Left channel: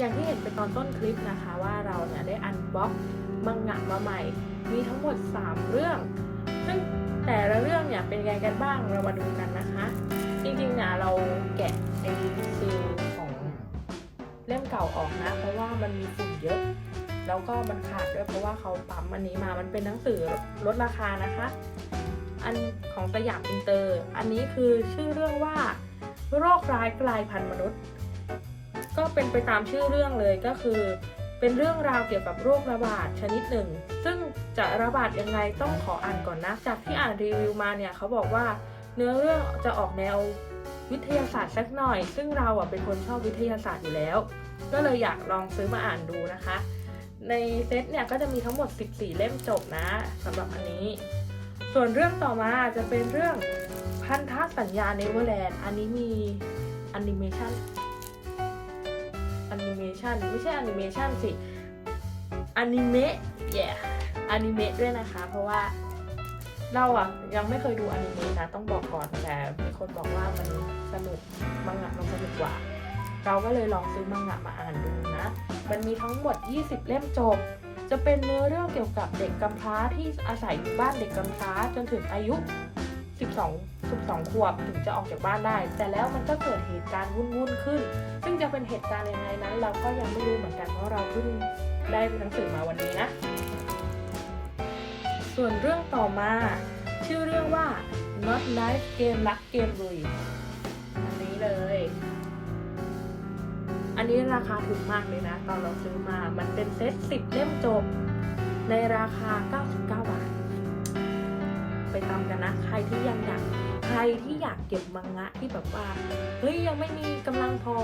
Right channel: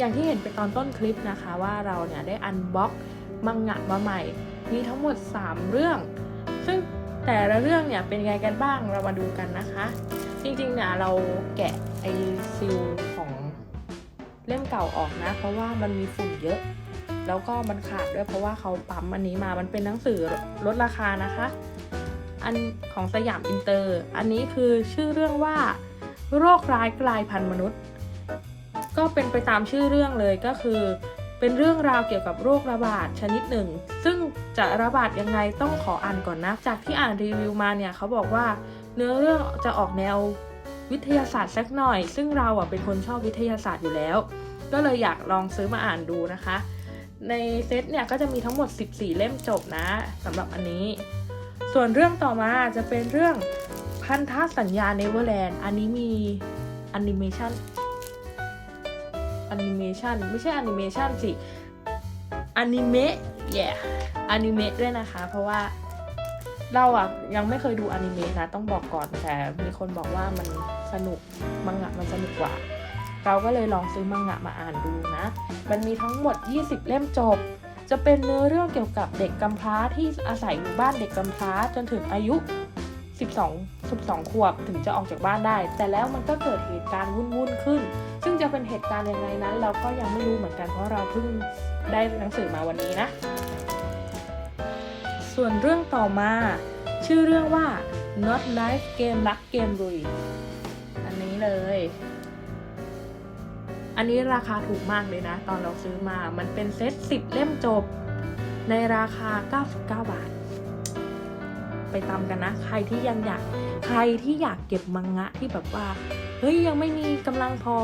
อย่างที่เห็นไปตอนต้นคลิปนะคะว่าเราเนี่ยได้อันบ็อกมังงะมาใหม่ มีทั้งหมด 3 เรื่อง ซึ่งแต่ละเรื่องเนี่ยเป็นยังไงกันบ้างเรามาดูกันนะคะ จริงๆเนี่ยเราแกะไอซีลของเล่มเก่าออกนะเพราะว่ามันมีฝุ่นเยอะ แล้วก็มันขาดด้วยเพราะว่าเขาปั๊มอันนี้มามันเป็นหนังสือลดราคานะคะ อันของสยามอินเตอร์ อันนี้คือชื่อเรื่องว่าโรคร้ายกลายพันธุ์มนุษย์ ก็เป็นไปตามชื่อเรื่องเลยก็คือ เป็นเรื่องราวเกี่ยวกับโรคระบาดชนิดหนึ่ง ซึ่งจะระบาดยังไงต้องขออ่านก่อนนะ จากที่อ่านรีวิวมาเนี่ยเขาบอกว่าเนื้อเรื่องจะออกแนววิทยาศาสตร์สักหน่อย ซึ่งเราอะเป็นคนชอบวิทยาศาสตร์อยู่แล้ว ก็เลยอยากลองซื้อมาอ่านดูนะคะ ในเซตเนี่ยก็จะมีทั้งหมด 14 เล่มจบนะสำหรับอันนี้ ส่วนเรื่องต่อมาจะเป็นเรื่องพันธสัญญาเนเวอร์แลนด์อันนี้มีแอนิเมชัน อนิเมชันไม่ใช่แอนิเมชันสิอนิเมะแย่อนิเมะด้วยนะคะ เพราะว่าเราอะยังไม่เคยดูอนิเมะนะต้องบอกก่อนแต่มีคนบอกว่ามันสนุกมังงะมันสนุกกว่า เราก็เลยลองซื้อมังงะมาอ่านดูนะมันมีทั้งหมด 20 เล่มจบ จะเป็นเนื้อเรื่องเกี่ยวกับเด็กกำพร้าที่อาศัยอยู่บ้านเด็กกำพร้าจนถึงอายุ 12 12ขวบถึงจะออกจากบ้านได้ แต่แล้วมันก็เกิดเหตุการณ์วุ่นๆขึ้น ซึ่งจะเป็นเหตุการณ์ยังไงนั้น เราก็ยังไม่รู้เหมือนกันเพราะเราเพิ่งได้หนังสือมาวันนี้นะ ส่วนเรื่องต่อมา ชื่อเรื่องว่า Not Life Game รักเกมลุยอันนี้เลย อันนี้ราคาถูกมากเลยนะ ตอนเราซื้อมา มันเป็นเซต10เล่มจบ ในราคา 99 บาท ไปตามกันนะ ใครที่ยังอยากใครที่อยากเก็บมังงะที่แบบว่าเฮ้ยยังไม่มีกำลังพอ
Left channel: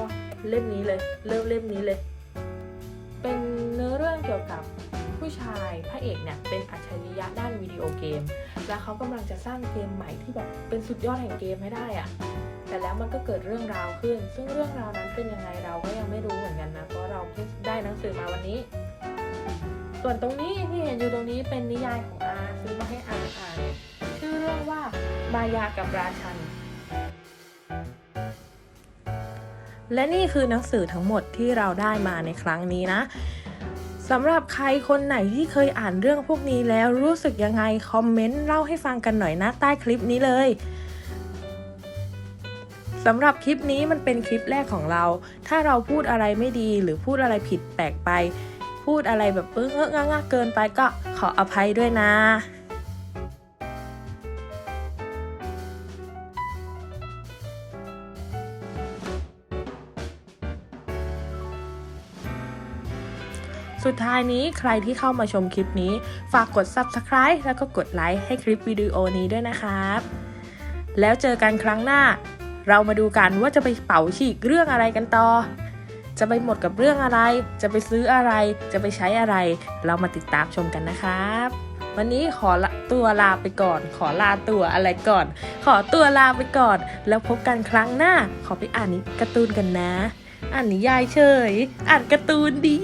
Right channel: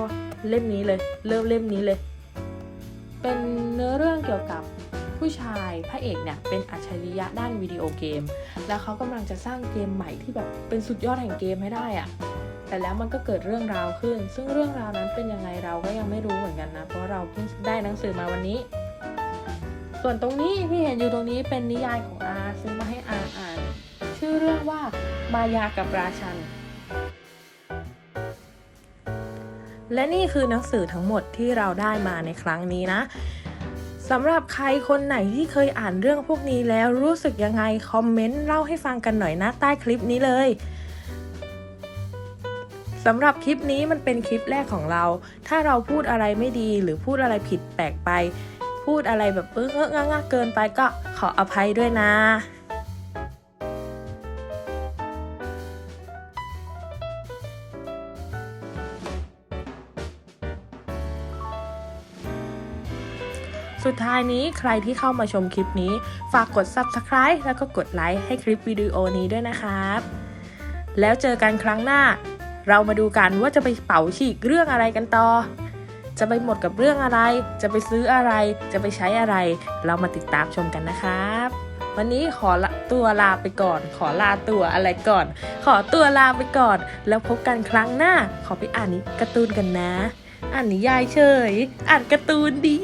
เล่มนี้เลยเริ่มเล่มนี้เลย เป็นเนื้อเรื่องเกี่ยวกับผู้ชายพระเอกเนี่ยเป็นอัจฉริยะด้านวิดีโอเกม แล้วเขากำลังจะสร้างเกมใหม่ที่แบบเป็นสุดยอดแห่งเกมให้ได้อะแต่แล้วมันก็เกิดเรื่องราวขึ้น ซึ่งเรื่องราวนั้นเป็นยังไงเราก็ยังไม่รู้เหมือนกันนะ เพราะเราเพิ่งได้หนังสือมาวันนี้ ส่วนตรงนี้ที่เห็นอยู่ตรงนี้เป็นนิยายของอาซื้อมาให้อา มายากับราชัน และนี่คือหนังสือทั้งหมดที่เราได้มาในครั้งนี้นะสำหรับใครคนไหนที่เคยอ่านเรื่องพวกนี้แล้วรู้สึกยังไง คอมเมนต์เล่าให้ฟังกันหน่อยนะใต้คลิปนี้เลยสำหรับคลิปนี้มันเป็นคลิปแรกของเรา ถ้าเราพูดอะไรไม่ดีหรือพูดอะไรผิดแปลกไป พูดอะไรแบบเออเงอะงะเกินไปก็ขออภัยด้วยนะ สุดท้ายนี้ใครที่เข้ามาชมคลิปนี้ ฝากกด subscribe แล้วก็กดไลค์ให้คลิปวิดีโอนี้ด้วยนะครับ แล้วเจอกันครั้งหน้า เรามาดูกันว่าจะไปเป่าฉีกเรื่องอะไรกันต่อ จะไปหมดกับเรื่องอะไร จะไปซื้ออะไร จะไปใช้อะไร เรามาติดตามชมกันนะครับ วันนี้ขอตัวลาไปก่อน ขอลาตัวอะไรก่อน ขอตัวลาไปก่อน แล้วพบกันครั้งหน้า ขอไปอ่านนิการ์ตูนกันนะ อ่านนิยายเฉย อ่านการ์ตูนดี